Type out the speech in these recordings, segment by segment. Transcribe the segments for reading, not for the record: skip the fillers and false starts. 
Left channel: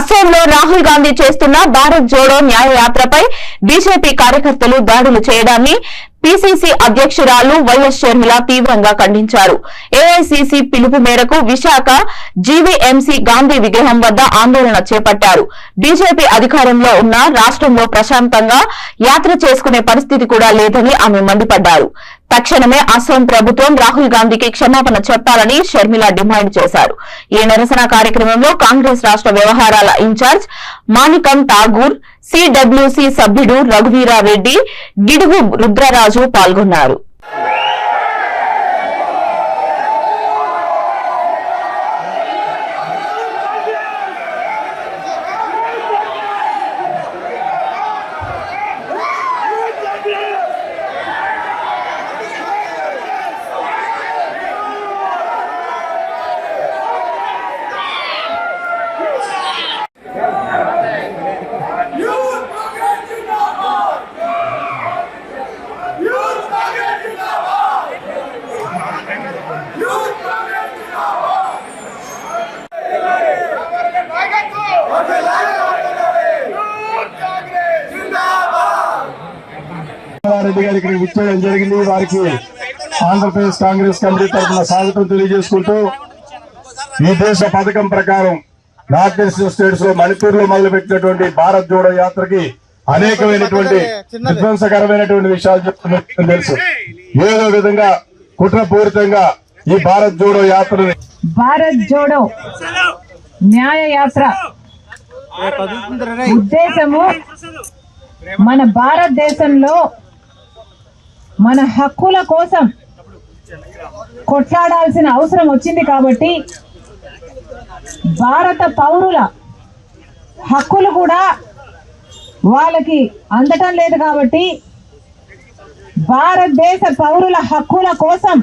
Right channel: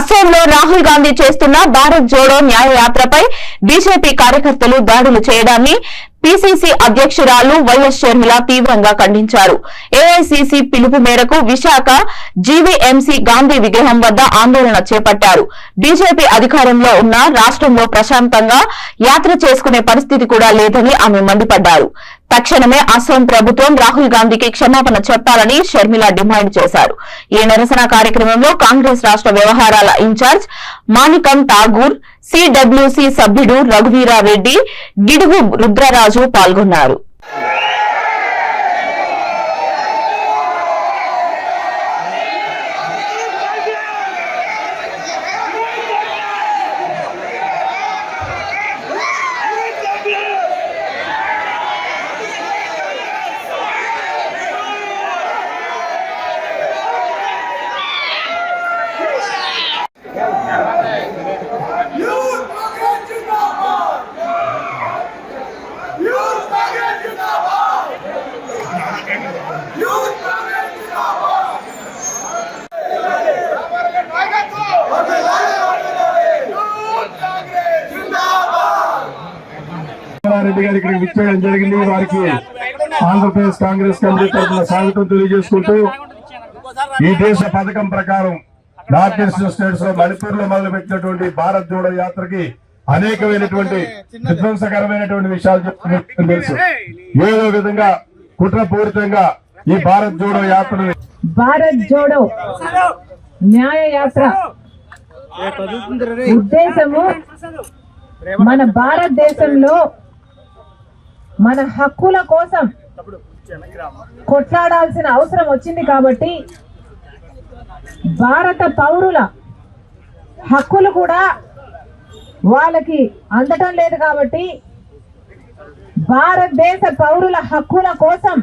అస్సాంలో రాహుల్ గాంధీ చేస్తున్న భారత్ జోడో న్యాయ యాత్రపై బీజేపీ కార్యకర్తలు దాడులు చేయడాన్ని పీసీసీ అధ్యక్షురాలు వైఎస్ షర్మిల తీవ్రంగా ఖండించారు. ఏఐసీసీ పిలుపు మేరకు విశాఖ జీవీఎంసీ గాంధీ విగ్రహం వద్ద ఆందోళన చేపట్టారు. బీజేపీ అధికారంలో ఉన్న రాష్ట్రంలో ప్రశాంతంగా యాత్ర చేసుకునే పరిస్థితి కూడా లేదని ఆమె మండిపడ్డారు. తక్షణమే అస్సాం ప్రభుత్వం రాహుల్ గాంధీకి క్షమాపణ చెప్పాలని షర్మిల డిమాండ్ చేశారు. ఈ నిరసన కార్యక్రమంలో కాంగ్రెస్ రాష్ట్ర వ్యవహారాల ఇన్ఛార్జ్ మాణికం ఠాగూర్, సిడబ్ల్యూసీ సభ్యుడు రఘువీరారెడ్డి, గిడుగు రుద్రరాజు పాల్గొన్నారు. జరిగింది. వారికి ఆంధ్రప్రదేశ్ కాంగ్రెస్ కమిటీ తరఫున స్వాగతం తెలియజేసుకుంటూ ఈ దేశ పథకం ప్రకారం నార్త్ ఈస్ట్ స్టేట్స్ లో మణిపూర్ లో మొదలుపెట్టినటువంటి భారత్ జోడో యాత్రకి అనేకమైనటువంటి విధ్వంసకరమైనటువంటి విషయాలు చెప్తున్నట్టు తెలుసు. ఏదో విధంగా కుట్రపూరితంగా ఈ భారత్ జోడో యాత్ర భారత్ జోడో న్యాయ యాత్ర ఉద్దేశము మన భారతదేశంలో మన హక్కుల కోసం కొట్లాడాల్సిన అవసరం వచ్చింది కాబట్టి భారత పౌరుల హక్కులు కూడా వాళ్ళకి అందటం లేదు కాబట్టి భారతదేశ పౌరుల హక్కుల కోసం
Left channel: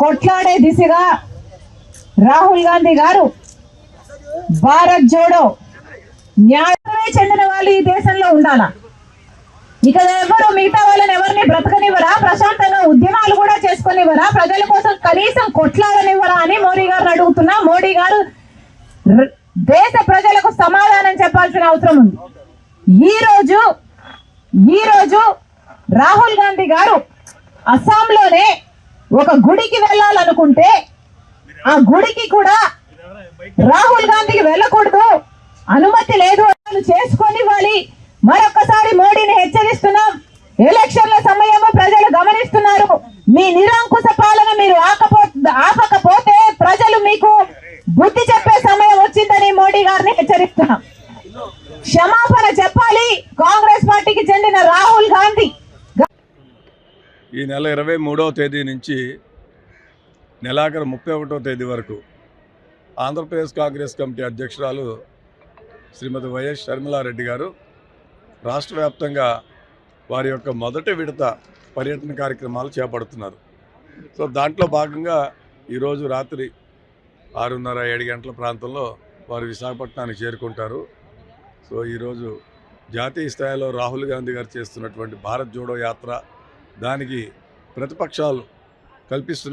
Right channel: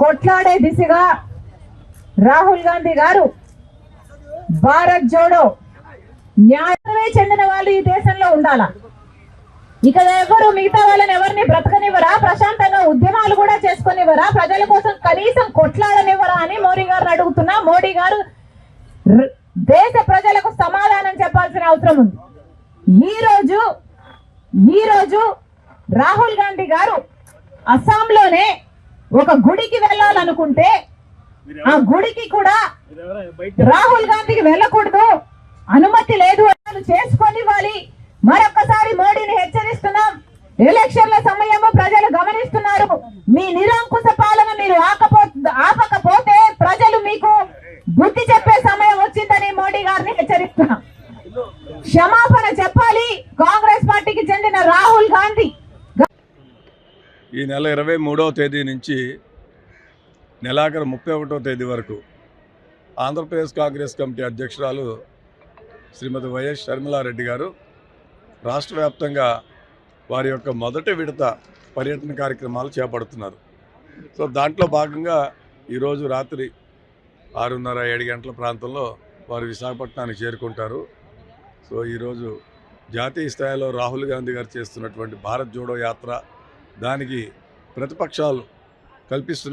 కొట్లాడే దిశగా రాహుల్ గాంధీ గారు భారత్ జోడో న్యాయమే చెందిన వాళ్ళు ఈ దేశంలో ఉండాలా, ఇక ఎవరు మిగతా వాళ్ళని ఎవరిని బ్రతకనివ్వరా, ప్రశాంతంగా ఉద్యమాలు కూడా చేసుకునివ్వరా, ప్రజల కోసం కనీసం కొట్లాడనివ్వరా అని మోడీ గారు అడుగుతున్నా. మోడీ గారు దేశ ప్రజలకు సమాధానం చెప్పాల్సిన అవసరం ఉంది. ఈ రోజు రాహుల్ గాంధీ గారు అస్సాంలోనే ఒక గుడికి వెళ్ళాలనుకుంటే ఆ గుడికి కూడా రాహుల్ గాంధీకి వెళ్ళకూడదు, అనుమతి లేదు, చేసుకొని ఇవ్వాలి. మరొకసారి మోడీని హెచ్చరిస్తున్నాం. ఎలక్షన్ల సమయము ప్రజలు గమనిస్తున్నారు. మీ నిరంకుశ పాలన మీరు ఆపకపోతే ప్రజలు మీకు బుద్ధి చెప్పే సమయం వచ్చిందని మోడీ గారిని హెచ్చరిస్తున్నాం. క్షమాపణ చెప్పాలి కాంగ్రెస్ పార్టీకి చెందిన రాహుల్ గాంధీ. ఈ నెల 23వ తేదీ నుంచి నెలాఖరు 31వ తేదీ వరకు ఆంధ్రప్రదేశ్ కాంగ్రెస్ కమిటీ అధ్యక్షురాలు శ్రీమతి వైఎస్ షర్మిలారెడ్డి గారు రాష్ట్ర వ్యాప్తంగా వారి యొక్క మొదటి విడత పర్యటన కార్యక్రమాలు చేపడుతున్నారు. సో దాంట్లో భాగంగా ఈరోజు రాత్రి 6:30-7 గంటల ప్రాంతంలో వారు విశాఖపట్నానికి చేరుకుంటారు. సో ఈరోజు జాతీయ స్థాయిలో రాహుల్ గాంధీ గారు చేస్తున్నటువంటి భారత్ జోడో యాత్ర, దానికి ప్రతిపక్షాలు కల్పిస్తున్న